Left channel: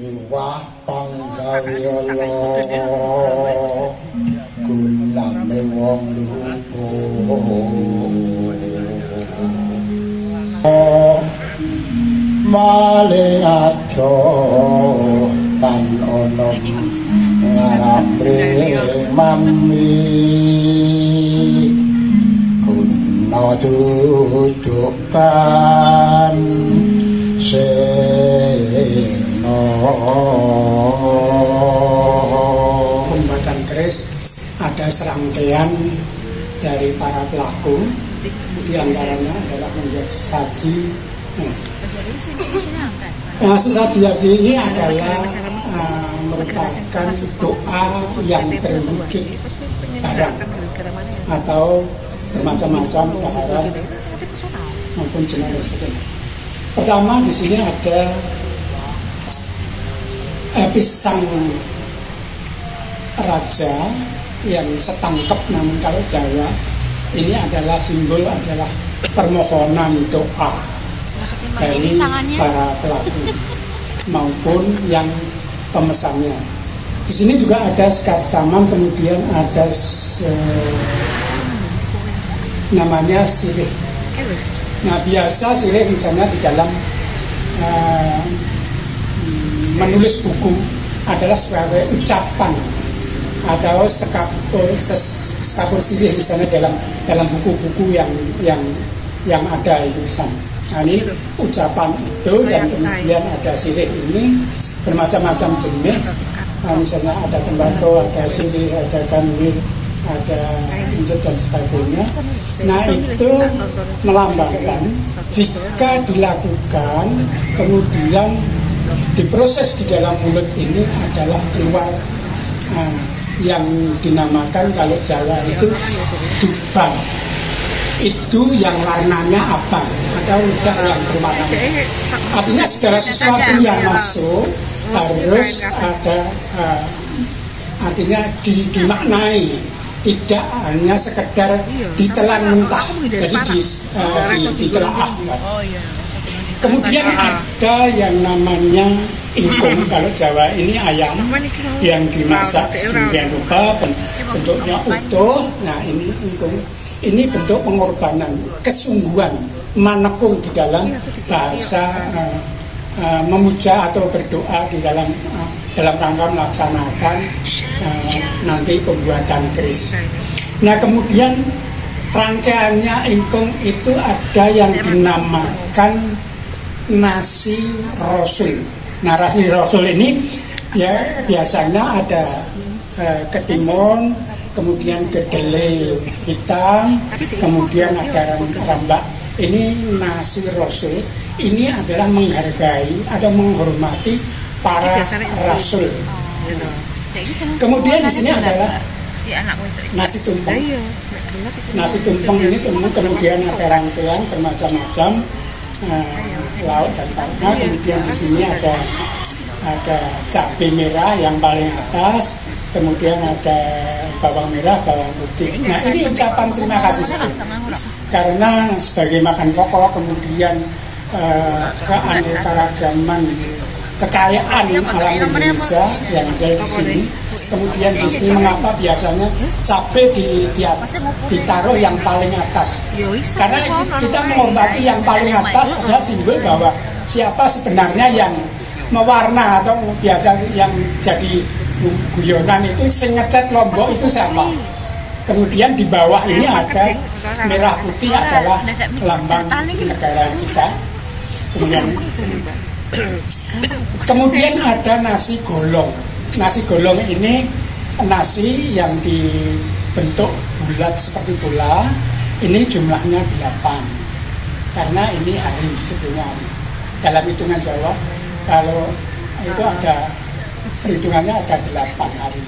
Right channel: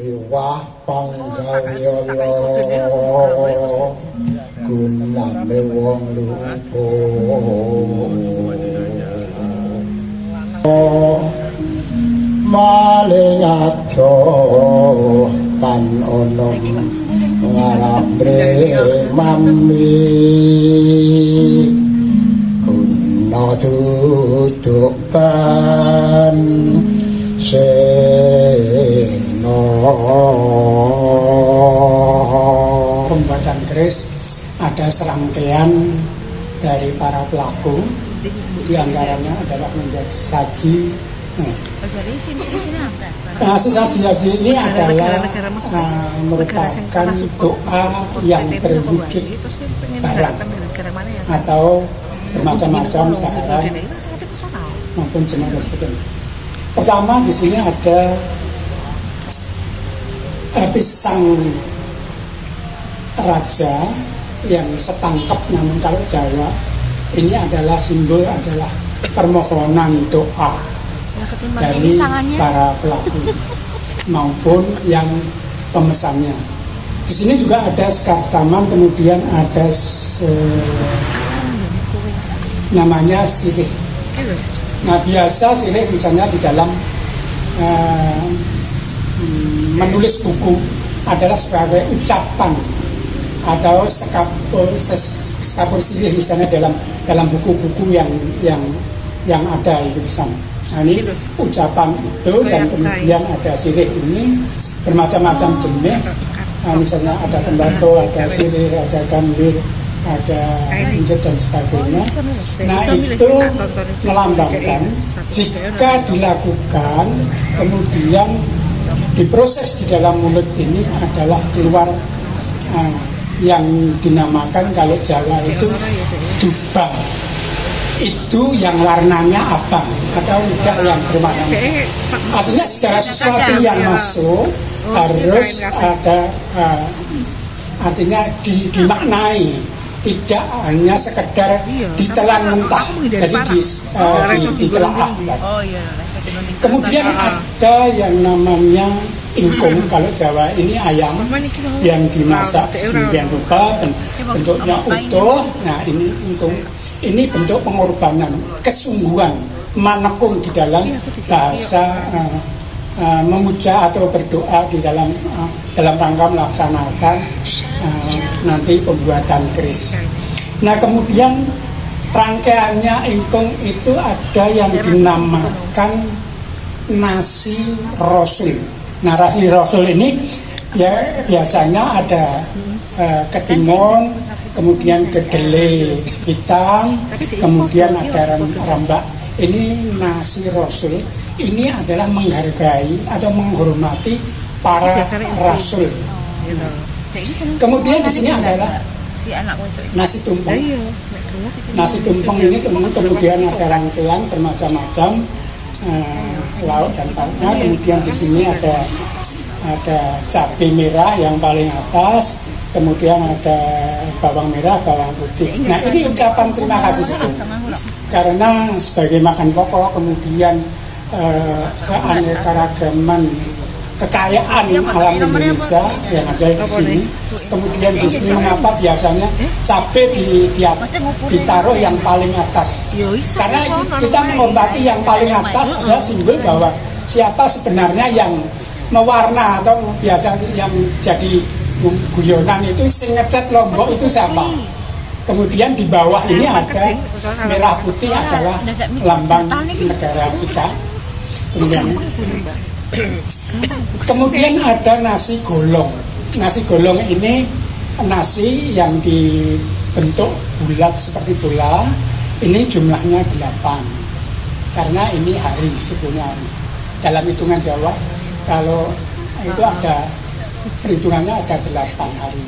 Miwah panggawe Allah gunane wong lupa maling aja tan ono ngarapre mami guna dudukan pembuatan keris ada serangkaian dari para pelaku, di antaranya adalah membuat sesaji. Sesaji ini adalah merupakan doa yang berwujud barang atau bermacam-macam barang maupun jenis sebagainya. Pertama di sini ada pisang raja yang setangkep, namun kalau Jawa ini adalah simbol adalah permohonan doa dari para pelaku maupun yang pemesannya. Di sini juga ada sekar taman, kemudian ada namanya sirih. Nah biasa sirih misalnya di dalam menulis buku adalah sebagai ucapan atau sekapur sirih misalnya dalam buku-buku yang ada itu di sana. Nah ini ucapan itu dan kemudian ada sirih ini bermacam-macam jenis. Nah, misalnya ada tembakau, ada sirih, ada gambir, ada injek dan sebagainya. Nah itu melambangkan jika dilakukan kemudian diproses di dalam mulut ini adalah keluar yang dinamakan kalau Jawa itu dubang. Itu yang warnanya abang atau lidah yang berwarna. Artinya segala sesuatu yang masuk harus ada artinya dimaknai, tidak hanya sekedar ditelan mentah, jadi ditelaah. Kemudian ada yang namanya ingkung, kalau Jawa ini ayam yang dimasak sedemikian rupa, bentuknya utuh. Nah ini ingkung, ini bentuk pengorbanan, kesungguhan, manekung di dalam bahasa memuja atau berdoa di dalam rangka melaksanakan nanti pembuatan keris. Nah kemudian rangkaiannya ingkung itu ada yang dinamakan nasi rasul. Nah nasi rasul ini ya biasanya ada ketimun, kemudian kedelai hitam, kemudian ada rambak. Ini nasi rasul. Ini adalah menghargai atau menghormati para rasul. Kemudian di sini adalah nasi tumpeng. Nasi tumpeng ini kemudian ada rangkaian bermacam-macam lauk dan pauknya. Kemudian di sini ada cabai merah yang paling atas, kemudian ada bawang merah, bawang putih. Nah ini ucapan terima kasih karena sebagai makan pokok, kemudian keanekaragaman kekayaan alam Indonesia yang ada di sini. Kemudian di sini mengapa biasanya cabai ditaruh yang paling atas? Karena kita menghormati yang paling atas adalah simbol bahwa siapa sebenarnya yang mewarna atau biasa yang jadi guyonan itu sengecat Lombok itu siapa? Kemudian di bawah ini ada merah putih adalah lambang negara kita. Kemudian ada nasi golong. Nasi golong ini nasi yang dibentuk bulat seperti bola. Ini jumlahnya 8 karena ini hari sebelumnya hari. Dalam hitungan Jawa kalau itu ada perhitungannya ada 8 hari.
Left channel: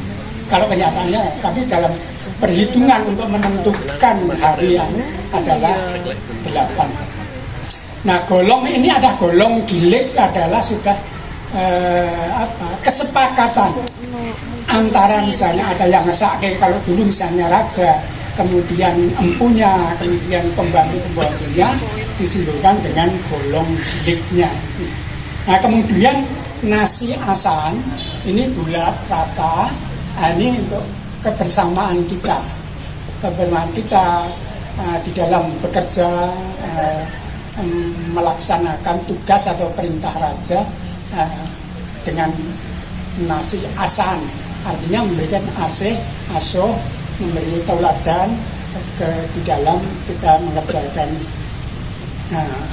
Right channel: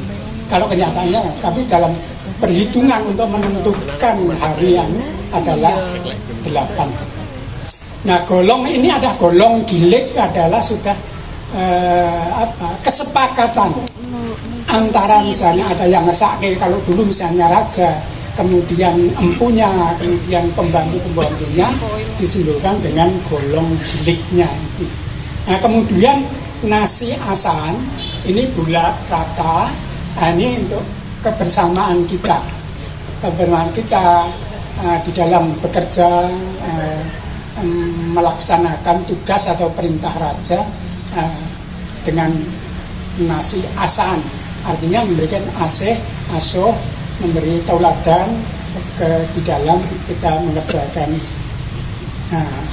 Kalau kenyataannya, tapi dalam perhitungan untuk menentukan harian adalah 8. Nah, golong ini ada golong gilik adalah sudah kesepakatan antara misalnya ada yang ngesake, kalau dulu misalnya raja, kemudian empunya, kemudian pembantu-pembantunya disimbolkan dengan golong giliknya. Nah, kemudian nasi asan ini bulat rata, ini untuk kebersamaan kita di dalam bekerja, melaksanakan tugas atau perintah raja dengan nasi asan, artinya memberikan asuh, memberi tauladan di dalam kita mengerjakan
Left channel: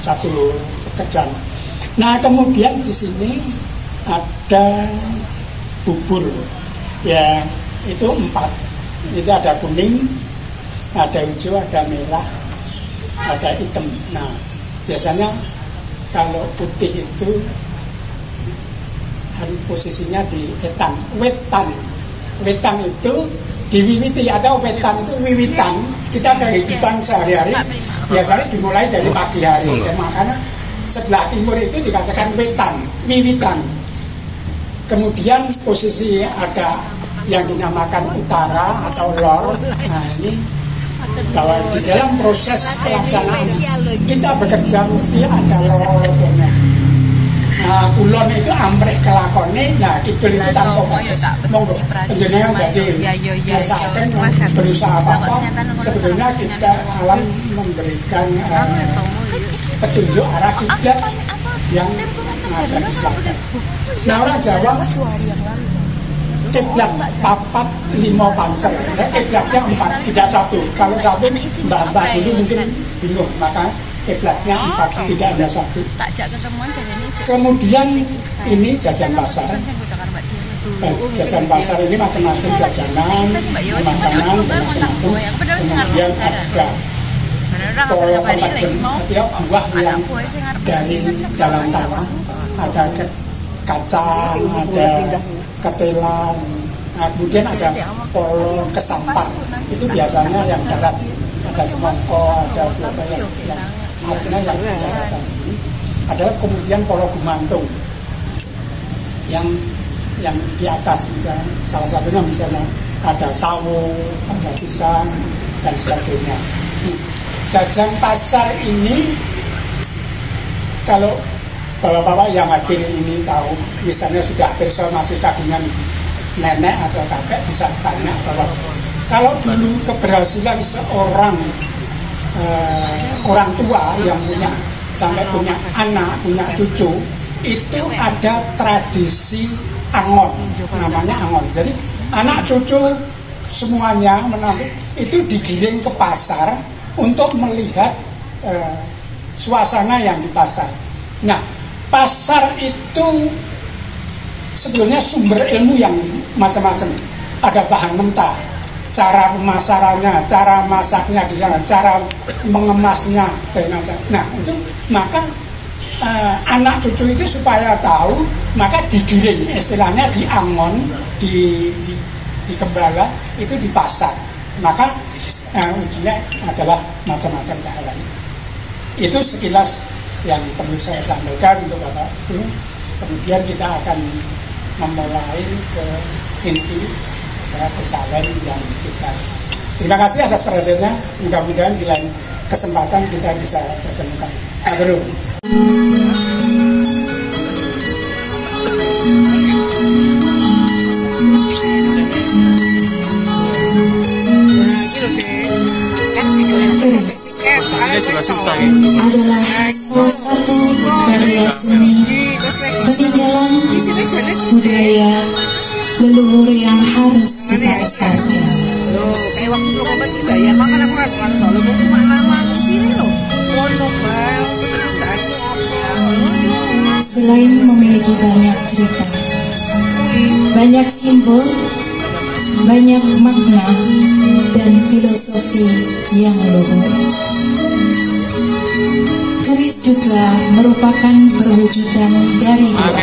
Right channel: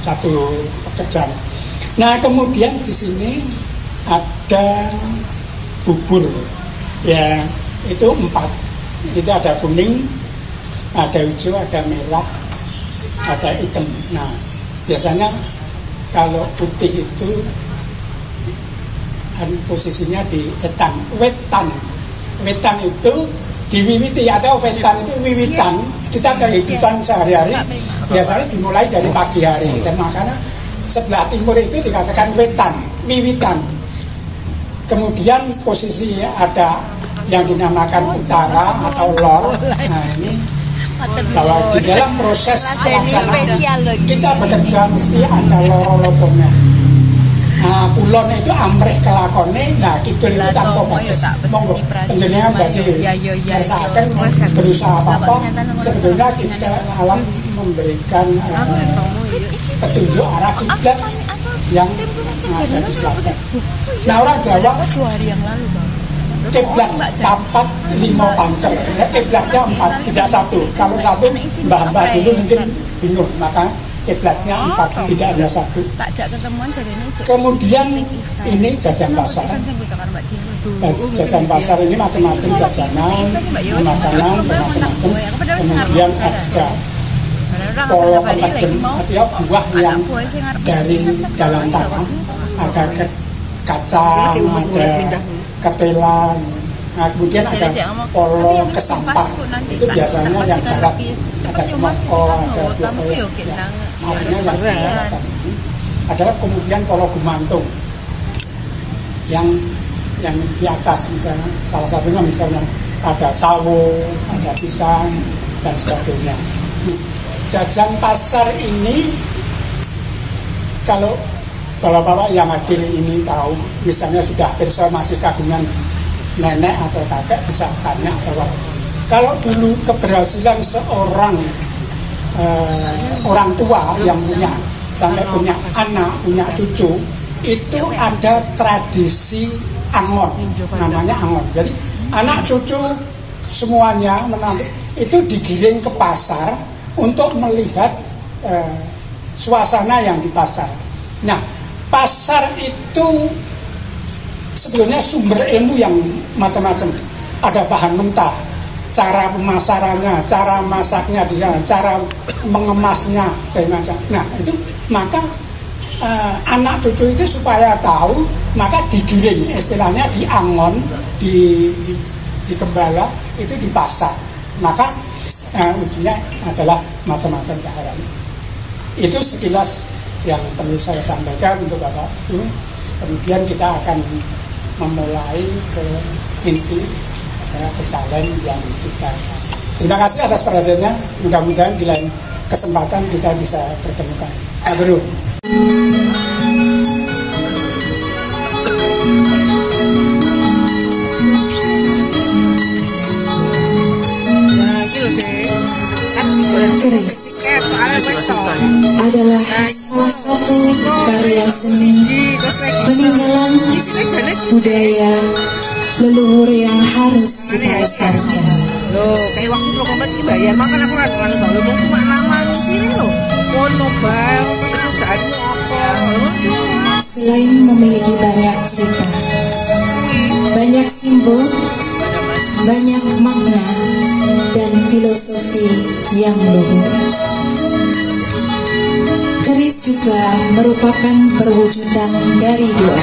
satu pekerjaan. Nah, kemudian di sini ada bubur, ya itu 4. Itu ada kuning, ada hijau, ada merah, ada hitam. Nah, biasanya kalau putih itu kan posisinya di wetan itu diwiwiti, atau wetan itu wiwitan. Kita kehidupan sehari-hari biasanya dimulai dari pagi hari, dan makanya sebelah timur itu dikatakan wiwitan. Kemudian posisi ada yang dinamakan utara atau lor. Nah, ini bahwa di dalam proses pelaksanaan kita bekerja mesti ada loro-loronya. Nah, kulon itu amrih kelakone, nah kidul itu tanpa batas. Monggo penjenengan berarti merasakan berusaha apa-apa, sebetulnya kita alam memberikan petunjuk arah kiblat yang ada di selatan. Nah, orang Jawa kiblat 4, 5 pancer, ya, kiblatnya 4, tidak 1. Kalau 1 mbah-mbah dulu mungkin bingung, maka kiblatnya 4, tidak ada 1. Kemudian ini jajan pasar. Jajan pasar ini macam-macam jajanan, makanan, macam-macam. Kemudian ada polo keladeng, artinya buah yang dari dalam tanah. Ada kacang, ada ketelan. Nah, kemudian ada polo kesampar. Itu biasanya yang darat. Ada semangko, ada buah yang yang darat. Ada kemudian polo gemantung yang di atas, misalnya, salah satunya misalnya ada sawo, ada pisang dan sebagainya. Jajan pasar ini kalau bapak-bapak yang hadir ini tahu, misalnya sudah pirsa masih kagungan nenek atau kakek, bisa tanya bahwa kalau dulu keberhasilan seorang orang tua yang punya sampai punya anak, punya cucu, itu ada tradisi angon, namanya angon. Jadi anak cucu semuanya itu digiring ke pasar untuk melihat suasana yang di pasar. Nah, pasar itu sebetulnya sumber ilmu yang macam-macam. Ada bahan mentah, cara pemasarannya, cara masaknya di sana, cara mengemasnya dan macam. Nah, itu maka anak cucu itu supaya tahu, maka digiring, istilahnya diangon, di gembala itu di pasar. Maka ujungnya adalah macam-macam daharan. Itu sekilas yang perlu saya sampaikan untuk Bapak Ibu. Kemudian kita akan memulai ke inti kesalahan yang kita. Terima kasih atas perhatiannya. Mudah-mudahan di lain kesempatan kita bisa bertemu kembali. Bro. Keris adalah salah satu karya seni peninggalan budaya leluhur yang harus kita lestarikan. Selain memiliki banyak cerita, banyak simbol, banyak makna dan filosofi yang luhur, keris juga merupakan perwujudan dari doa.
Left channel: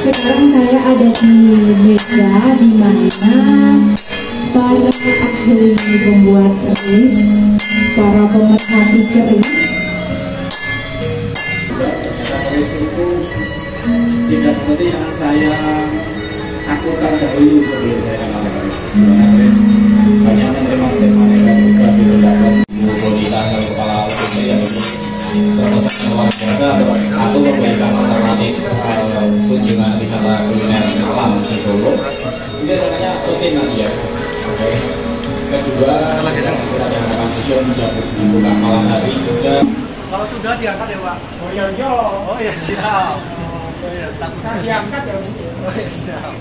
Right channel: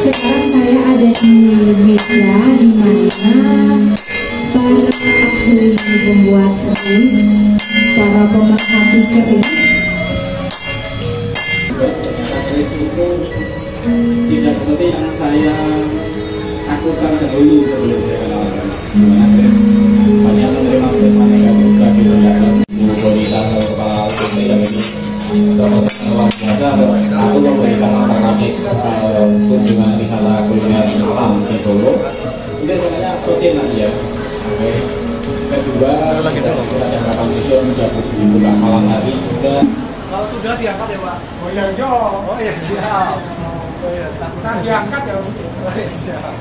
Sekarang saya ada di meja di mana para ahli membuat keris, para pemerhati keris. Keris itu tidak seperti yang saya takutkan dahulu sebelum saya kenal keris. Sebenarnya keris banyak menerima aneka usaha di terdapat kualitas dan kepala usaha dan itu termasuk yang luar biasa. Satu, memberikan alternatif kunjungan wisata kuliner alam di Solo. Ini sebenarnya rutin aja. Kedua, kita ada harapan sosial sudah dibuka malam hari juga. Kalau sudah diangkat ya Pak? Oh iya, iya. Oh iya siap. Oh iya, Kan diangkat ya. Oh iya siap.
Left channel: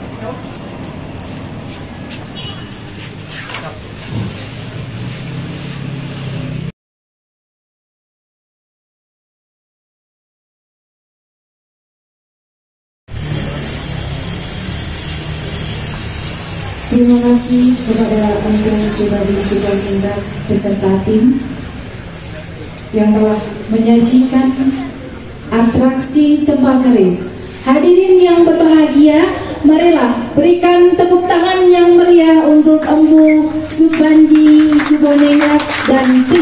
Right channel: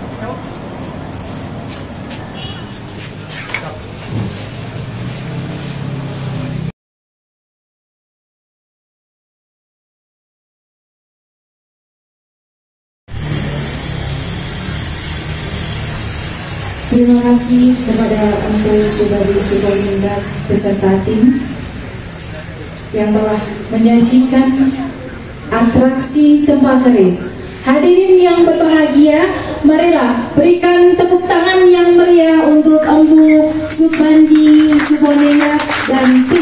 Terima kasih kepada untuk Subadi beserta tim yang telah menyajikan atraksi Tempa Keris. Hadirin yang berbahagia, marilah berikan tepuk tangan yang meriah untuk Empu Subandi Subonena dan tim